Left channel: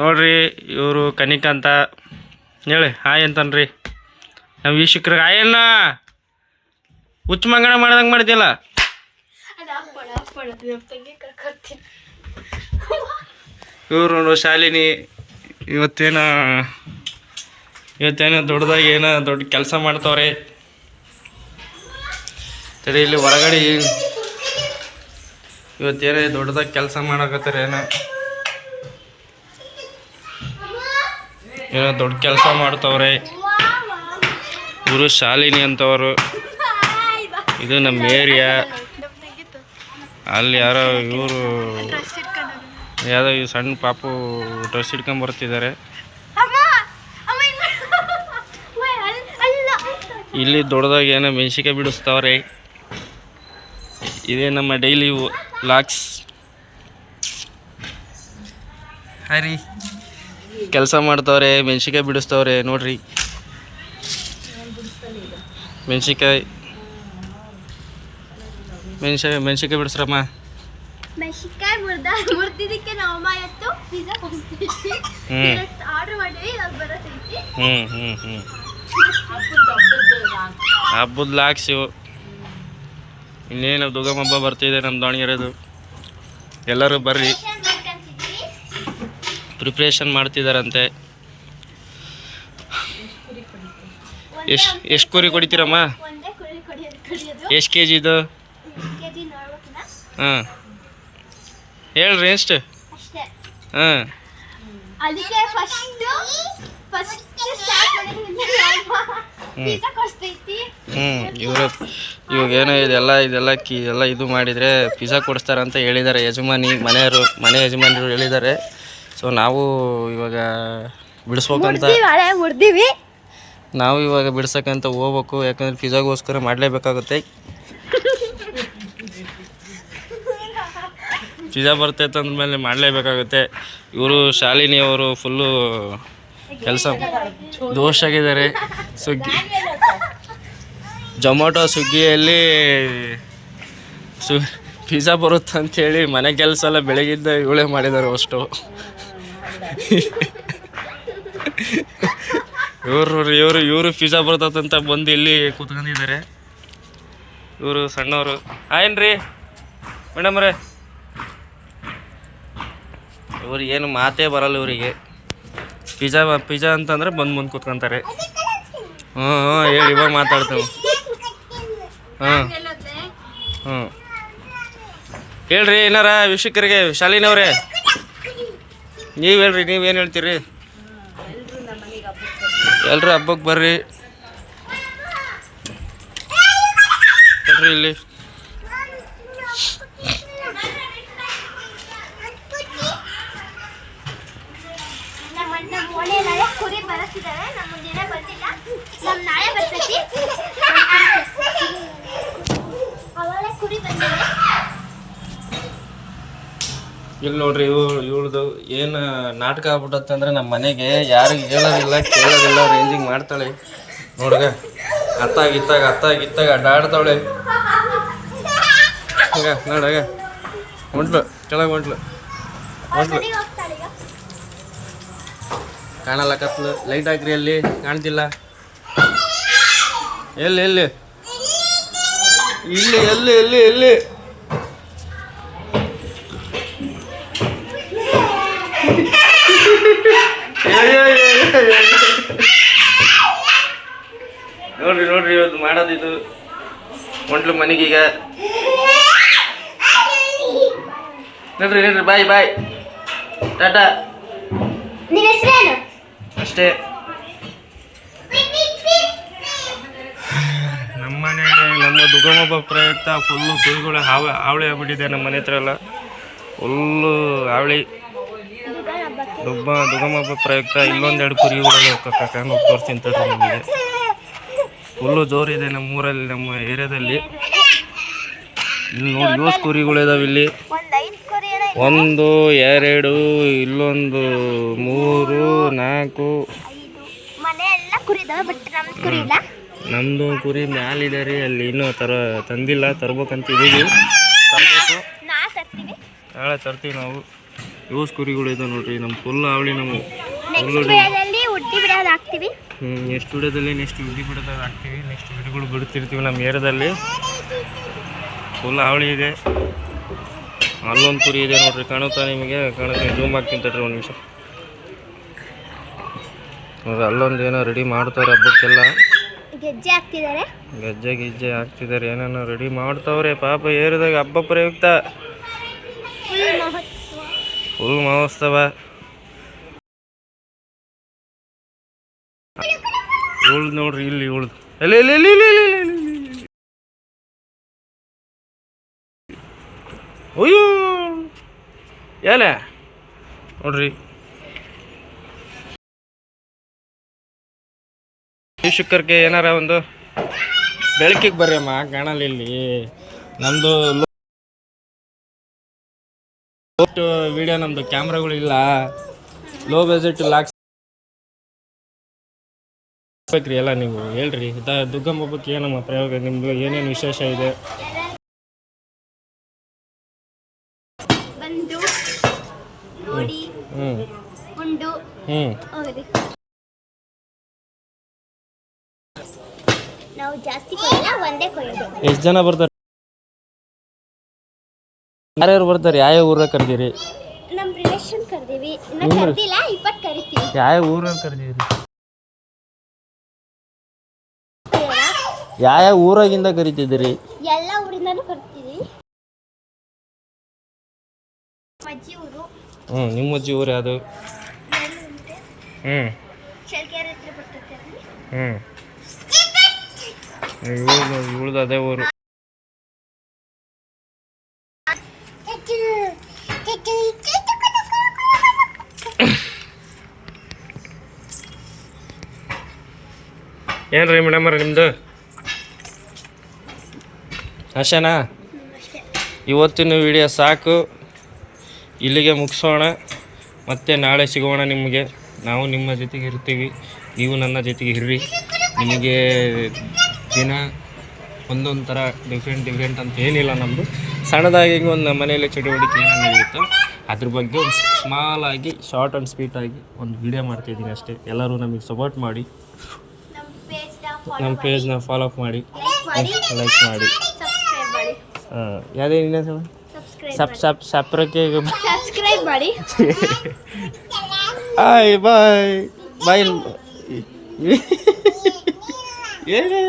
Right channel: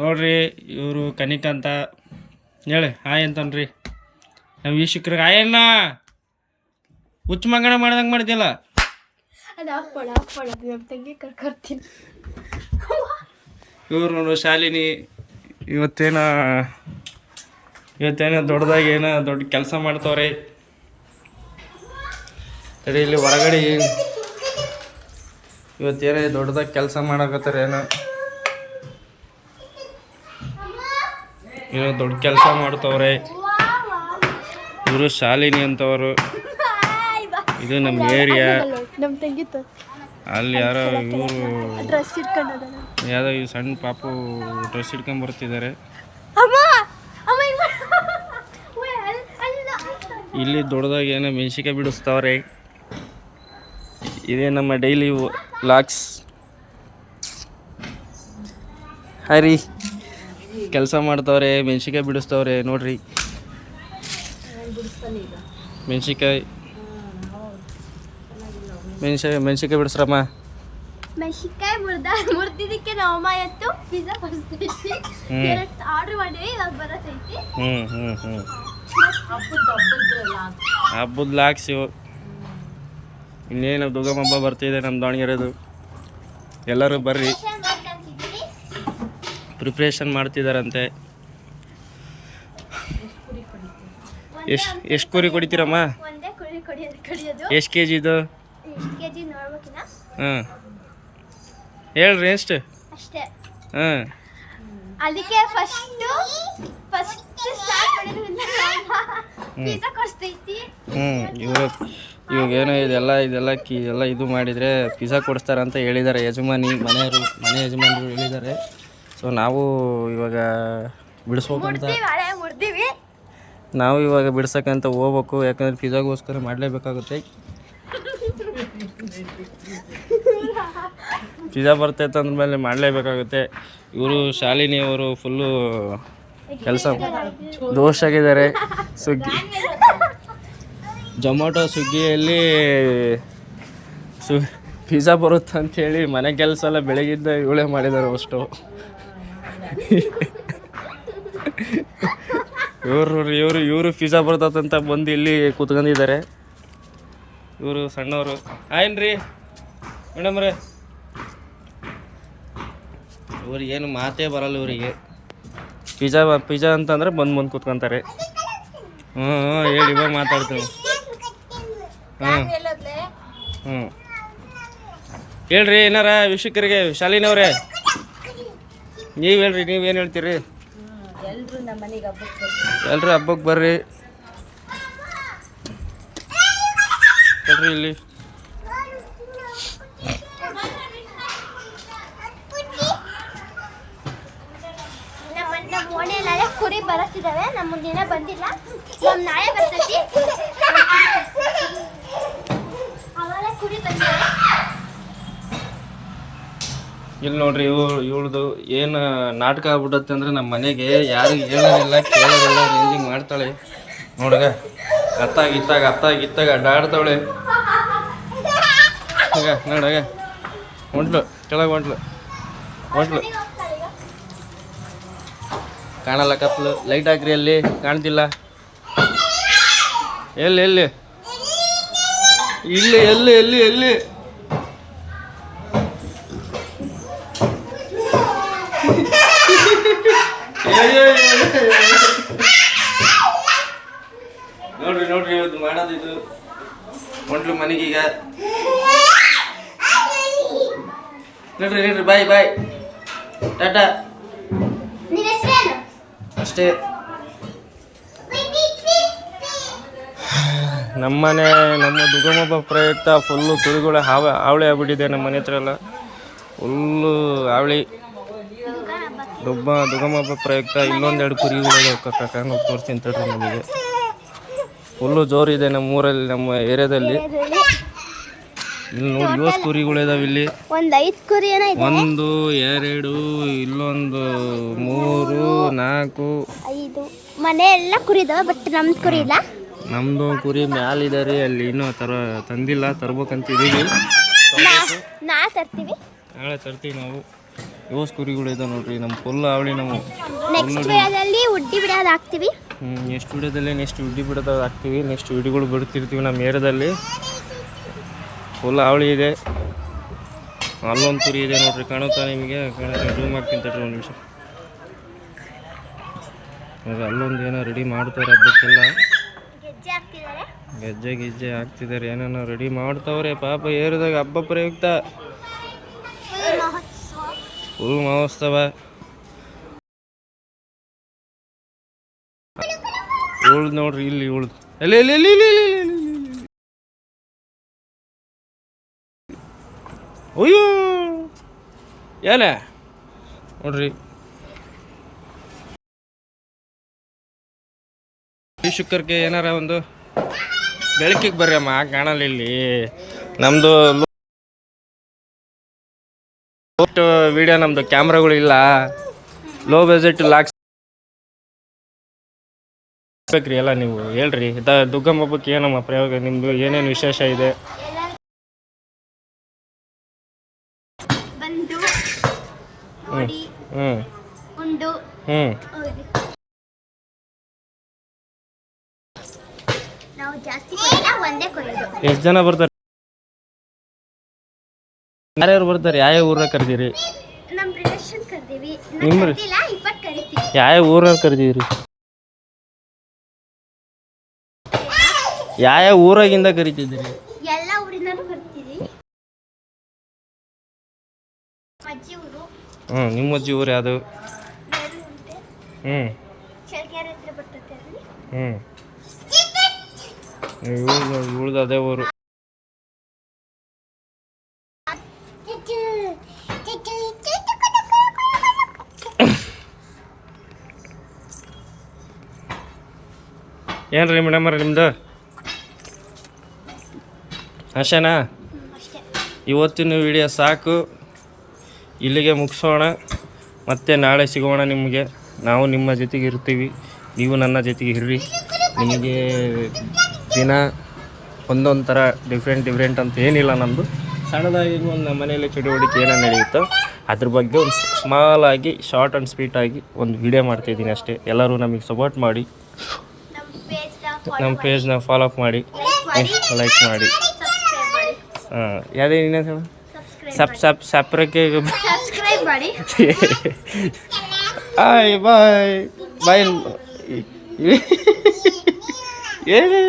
ನೋಡ್ರಿ ಇವರು ಕನಿಕಾ ಅಂತ ಹೇಳಿ ಹಾಯ್ ಅಂತನ್ರಿ ನಮ್ಮ ವೀಕ್ಷಕರಿಗೆ ಹಾಯಣ್ಣ ಹುಚ್ಚ ಮಂಗಣ ಮಾಡ್ದಂಗೆ ಮಾಡ್ತಿಲ್ಲ ಇವರು ನೋಡು ಶಾಲಿನಿ ಇವತ್ತೇನೋ ದೊಡ್ಡದಾಗಿ ಏನೋ ದೊಡ್ಡ ಕೆಲಸ ಮಾಡ್ತವ್ರೆ ತಡಿ ಇಲ್ಲಿ ಹೊರಗಡೆ ಇವತ್ತೇನೋ ದೊಡ್ಡದಾಗಿ ಕೆಲಸ ಮಾಡಕತ್ತಾರೆ ಏನೋ ದೊಡ್ಡ ಕೆಲಸ ಮಾಡ್ತವ್ರೆ ಇವರು ಶಾಲಿನಿ ಅಂತವರು ಇದು ನಮ್ಮ ಏರಿಯಾ ಅಲ್ಲಿ ಯಾರೋ ಇವರು ಯಾವುದೋ ಈ ಸಣ್ಣ ಪಾಪು ಡ್ರೆಸ್ ಇಟ್ಕೊಂಡ್ ಬರ್ತಿದ್ದಾರೆ ಇಲ್ಲಿ ದೊಡ್ಡದಾಗಿ ಏನೋ ಮೆಣಸಿಕಾಯಿ ಬಿಡಿಸ್ತವ್ರೆ ಇದೇ ನಮ್ಮ ಡೈಲಿ ವ್ಲಾಗ್ಸ್ ಹರಿ ಕೆಲಸ ಮಾಡ್ತವ್ರೆ ಮೆಣಸಿಕಾಯಿ ಬಿಡಿಸ್ತವ್ರೆ ನೋಡ್ರಿ ಮೆಣಸಿಕಾಯಿ ಬಿಡಿಸ್ರಮ್ಮ ಮೆಣಸಿಕಾಯಿ ಮುರ್ದಿದ್ದಕ್ಕೆ ನಾವು ಇವತ್ತು ಪಿಜ್ಜಾ ಕೊಡ್ತೀವಿ ಆರ್ಡರ್ ಮಾಡಿವಿ ಅದು ಬರತೈತಿ ಹಬ್ಬದ ಲಾಕ್ಸ್ ಇವು ಇನ್ನೇನು ದುರ್ಗಮ್ಮ ಹಬ್ಬ ಬರ್ತಿದೆ ನಮ್ಮ ದಾವಣಗೆರೆದು ಎಲ್ಲರೂ ಬರ್ರಿ ಪ್ರಿಪ್ರೇಷನ್ ಮಾಡ್ತಿದ್ದಾರಂತೆ ಎಷ್ಟು ಕುರಿ ಕೊಡಿತೀರಮ್ಮ ಎಷ್ಟು ಕೆ ಜಿ ಇದು ಹಾಂ ಹೇಳ್ರಿ ಎಷ್ಟು ಹಾಂ ಅದಕ್ಕೆ ಫಸ್ಟ್ ಸ್ಟಾರ್ಟ್ ಇವಾಗ ಏನೋ ಇದೆಲ್ಲ ಇದು ಮಾಡಿದರೆ ಪಿಜ್ಜಾ ಕೊಡಿಸ್ತಾರೆ ಅಂತ ಹೇಳಿದ್ದಾರೆ ಮನೆ ಯಜಮಾನರು ಹೇಳಿದ್ದಾರೆ. ಸೊ ನಾವು ಇವಾಗ ಬಿಡಿಸ್ಬೇಕಂತ ಬಿಡ್ಸಕ್ಕಂತ ಹೋಗ್ಬೇಕು, ಯಾಕಂದ್ರೆ ಪಿಜ್ಜಾಗೋಸ್ಕರ ಮಾಡಲೇಬೇಕಾಗುತ್ತೆ. ಪಿಜ್ಜಾ ಬರ್ತೈತೆ ಅಂದಮೇಲೆ ಮಾಡಲೇಬೇಕಾಗುತ್ತೆ. ಇವರು ಶಾಲಿನಿ ಅವರು ಫುಲ್ಲು ಕೆಲಸ ದೋಷಾಗಿದ್ದಾರೆ. ಜೊಮ್ಯಾಟೊ ಸ್ವಿಗ್ಗಿಯಲ್ಲಿ ಪಿಜ್ಜಾ ಬರುತ್ತೆ ಅಂಥೇಳಿ ಮನೆ ಕೆಲಸ ಎಲ್ಲ ಬೆಳಗಿದ್ದ ಇವಳೇ ಮಾಡಿದ್ದಾರೆ ಅಷ್ಟು. ಇವರು ಪಿಜ್ಜಾ ಬರ್ತದಂತ ಬಂದು ಇಲ್ಲಿ ಕೂತ್ಕೊಂಡಿದ್ದಾರೆ. ಇವರು ಸಣ್ಣವರು. ಆಯ್ನ್ರಿ ಮೇಡಮ್ರೇ, ಇವ್ರು ಏನು ಮಾತೇ ಬರಲ್ಲ ಇವರಿಗೆ. ಪಿಜ್ಜಾ ಅಂತಂದ್ರೆ ಮುಂದೆ ಕೂತ್ಕೊಂತಾರೆ. ಹೇಳಿ ಇವಾಗ ಮಾತಾಡ್ತೇವೆ. ಹೇಳ್ರಿ ಏನಾರ ವೀಕ್ಷಕರಿಗೆ. ಶಾಲಿನವ್ರೆ ನೀವು ಹೇಳ್ರಿ, ನೀವೇನು ಹೇಳ್ತೀರಿ? ಎಲ್ರು ಹಬ್ಬಕ್ಕೆ ಬರ್ರಿ. ಇಲ್ಲಿ ಕುರಿ ಬರುತ್ತಿದ್ದಾವೆ, ನಮ್ಮ ದಿನ ಬಂದಿಲ್ಲ, ನಮ್ಮ ನಾಳೆ ಬರ್ತೈತಿ. ಅವಾಗ ಕುರಿ ಬಂದಿದೆ. ಇಲ್ಲಿ ನೋಡ್ರಿ, ಇವಳ್ದು ಏನು ನಾಟಕ ಆಗ್ಬಿಟ್ಟತ್ತೆ ಅಂದ್ರೆ ನಮ್ಮ ಮನೆಗೆ ಯಾರಿಗೆ ಹೇಳೋದಿಲ್ಲ ಕೇಳೋದಿಲ್ಲ ರೇಂಜಿಂಗ್ ಮಾಡ್ತಾಳೆ ನೋಡ್ಗ. ಅತ್ತಾಗಿತ್ತಾಗ ಅಡ್ಡಾಡ್ತಾವಳೆ. ಈಗ ನೋಡಾಗ ಹೊಂಟ್ಲು, ಕೆಳಗೆ ಹೊಂಟ್ಲು. ಕಾಣಲ್ಲ, ಕತ್ಲು. ಲೈಟ್ ಹಾಕ್ರಿ, ಅಲ್ಲಿ ಕಾಣ್ತಿಲ್ಲ. ಎಲ್ಲಿ ಇಲ್ಲಿ ನೋಡ್ರಿ ಇವತ್ತು ಮಾಡೋದಿದು. ಹೊಂಟ್ಲು ಮನೆಗೀಗ. ನೋಡ್ರಿ ಬಾಯ್ ಟಾಟಾ ಅಷ್ಟೇ. ನಮ್ಮ ದುರ್ಗಮ್ಮ ಪ್ರಯುಕ್ತ ಫುಲ್ಲು ಕುರಿಗಳು ಹಾವಳಿ ಆಗ್ಬಿಟ್ಟಿದೆ. ನಮ್ಮ ಮನೆ ಹತ್ರ ಎಲ್ಲ ಫುಲ್ಲು ಹಾವಳಿ. ದುರ್ಗಮ್ಮ ಹಬ್ಬ ಪ್ರಯುಕ್ತ ಇಲ್ಲೊಂದೆರಡು ಕುರಿಗಳು ಕರ್ಕೊಂಡು ಹೋಗಿ ತೋರಿಸ್ತೀನಿ ತಡ್ರಿ. ನಮಗೆ ಫುಲ್ಲು ಜೋರಿದೆ ನಮ್ಮ ಊರಲ್ಲಿ, ನಮ್ಮ ಏರಿಯಾದಲ್ಲಿ. ಇಲ್ಲಿ ನೋಡಿ 7 ಕುರಿಗಳಿದಾವೆ ಇಲ್ಲಿ. 1 2 ಇಲ್ಲೊಂದು 3 4 5 ಮನೆ ಎಲ್ಲ ಕುರಿ ಇದಾವೆ, ಬಟ್ ನಮ್ದು ಕುರಿ ಇಲ್ಲ. ನಮ್ಮದು ಕುರಿ ಮ್ಯಾಲಿದೆ ರೀ, ಅಲ್ಲಿ ಇನ್ನೂ ತಂದಿಲ್ಲ, ತರ್ಬೇಕಂತ ಇದೀವಿ. ನಾಳೆ ತರ್ತೀವಿ ನಾವು. ಯೋಸ್ ಕುರಿಗಳು ಇದೆ ನೋಡ್ರಿ. ನಮ್ಮ ಫುಲ್ ಅವಳಿ ನಾವು ನೆಕ್ಸ್ಟ್ ವಿಡಿಯೋದಲ್ಲಿ ಉಡ್ಡಿ ಬಿಡೋದು ಹಾಕ್ತೀವಿ. ನೆಕ್ಸ್ಟ್ ವಿಡಿಯೋದಲ್ಲಿ ನೆಕ್ಸ್ಟ್ ವಿಡಿಯೋ ಬಿಡೋದು ಹಾಕ್ತೀವಿ. ನೆಕ್ಸ್ಟ್ ವಿಡಿಯೋಗಳು ಬಿಡ್ತಿರ್ತೀವಿ ನಮ್ಮ ಏರಿಯಾದಲ್ಲಿ. ಫುಲ್ ಅವಳಿ ಇದೆ. ಅಲ್ಲೊಂದು ಕುರಿ ಇದೆ ನೋಡ್ರಿ, ಕಾಣುತ್ತಾ ನಿಮಗೆ? ಕಾಣುತ್ತೆ, ಜೂಮ್ ಹಾಕ್ತೀನಿ ತಡ್ರಿ ಒಂದು ನಿಮಿಷ. ನೋಡ್ರಿ ಅಲ್ಲೊಂದು ಏನೋ ರೆಡಿ ಮಾಡ್ತಾರೆ ಹಬ್ಬಕ್ಕೆಲ್ಲ. ಗೆಜ್ಜೆ ಹಾಕ್ತಿದ್ದಾರೆ, ಗೆಜ್ಜೆ ಗಿಜ್ಜೆ ಹಾಕ್ತಿದ್ದಾರೆ, ಏನೇನೋ ರೆಡಿ ಮಾಡ್ತಾವ್ರೆ ಪಾಪ. ಏರಿಯಾದಾಗ ಹಬ್ಬ ಪ್ರಯುಕ್ತ ಫುಲ್ ಮಹೋತ್ಸವ. ಉಳ್ದು ನೋಡ್ರಿ, ಇಲ್ಲಿ ಉಳ್ದು ಎಲ್ಲಿ ಎಲ್ಲಿ ಎಲ್ಲಿ ಎಲ್ಲಿ ಎಲ್ಲಿ ಎಲ್ಲಿ ಎಲ್ಲಿ. ಅಯ್ಯೋ ಏನೇ ನೋಡ್ರಿ. ಈ ಶುಕ್ರಕ್ಕೆ ಏನಾರ ಒಂದು ಬೆಳಕಿಗೆ ಬರ್ರಿ ಅಮ್ಮ, ಕಾಣಲ್ಲ ಇಲ್ಲಿ. ನಮ್ಮದು ವಿಡಿಯೋ, ನಮ್ಮದು ಕ್ಯಾಮ್ರಾಗಳಿಲ್ಲ. ಲೋ ಬಜೆಟ್ ಲಾಕ್ಸ್ ಬೇಕ್ರಿ ಎಲ್ಲ. ನೀವು ಹೇಳ್ರಿ ದುಗ್ಗಮ್ಮ ಹಬ್ಬಕ್ಕೆ ಏನಮ್ಮ ಪ್ರಯೋಗ ನಿಮ್ಮದು? ಏನೇನು ವಿಶೇಷ ಇದೆ? ಬಂದು ನೋಡಿ ಉಂಡು ಹೋಗಿ. ನಾವು ಜಾಸ್ತಿ ಕೊಯ್ಯಲ್ಲ, ಒಂದೇ ಕೊಯ್ಯೋದು. ಎಷ್ಟು ಜನ ಬರ್ತಾರೆ? ಯಾರ್ಯಾರು ಬರ್ತಾರೆ? ಯಾವ ಊರಾಗ ಕರ್ದೀರಿ? ನಮ್ಮ ರಿಲೇಷನ್ ಕರ್ದೀವಿ. ನಿಮ್ಮ ಕರ್ದಿಲ್ಲ, 20 ಕರಿತೀವಿ. ಯಾವ ಊರಾಗ ಕರ್ದೀರಿ? ಯಾವ ಊರಾಗಿಂದ ಕರಿತಿದ್ದೀರಿ? ಎಲ್ಲ ಊರಿಂದನೂ ಕರಿತೀವಿ. ಅಜ್ಜಿ ಊರು. ನಿಮ್ಮ ಅಜ್ಜಿ ಊರು ಯಾವುದು? ಶೆಲ್ಕೆರೆ ಹತ್ರ ಬರ್ತೈತೆ. ಇವಳ್ದು ಅದೇ ಊರು. ಏನ್ರಿ ಮೇಡಮ್ ನಿಮ್ಮದು ಅಷ್ಟೇನಾ? ಇವತ್ತಿನ ವಿಡಿಯೋ ಸಾಕು, ಇಲ್ಲಿಗೆ ಮುಗಿಸೋಣ. ಮತ್ತೆ ನಾಳೆ ಸಿಗೋಣ ನಿಮಗೆ. ನಾವು ನಿಮ್ಮ ಜೊತೆಗೆ ಇರ್ತೀವಿ, ನೀವು ನನ್ನ ಜೊತೆಗೆ ಇರ್ರಿ. ನಿಮಗೆ ದಿನ ಒಂದೊಂದು ಥರ ಡಿಫ್ರೆಂಟ್ ಅಂತ ಏನಿಲ್ಲ. ನಮ್ಮದು ಸಣ್ಣದಾಗಿ ಒಂದು ಮನೆಯಲ್ಲಿ ಚಟುವಟಿಕೆ ಏನೋ ನಡೆಯುತ್ತೋ ಅದ್ರ ಬಗ್ಗೆ ಒಂದು ಸ್ಮಾಲಾಗಿ ಶಾರ್ಟ್ ಆ್ಯಂಡ್ ಸ್ವೀಟಾಗಿ ಒಂದು ವಿಡಿಯೋ ಮಾಡ್ತಾಯಿದ್ದೀನಿ ಅಷ್ಟೇ. ಎಲ್ಲರೂ ನಮಗೆ ಸಪೋರ್ಟ್ ಮಾಡಿ, ನಮ್ಮ ಪೇಜ್ನ ಫಾಲೋ ಅಪ್ ಮಾಡಿ, ಲೈಕ್ ಮಾಡಿ. ಯಾವುದೇ ಇನ್ನೇನು ಸಬ್ಸ್ಕ್ರೈಬ್ ಮಾಡಿ. ಬಾಯ್ ಬಾಯ್ ಬಾಯ್. ಏನೇ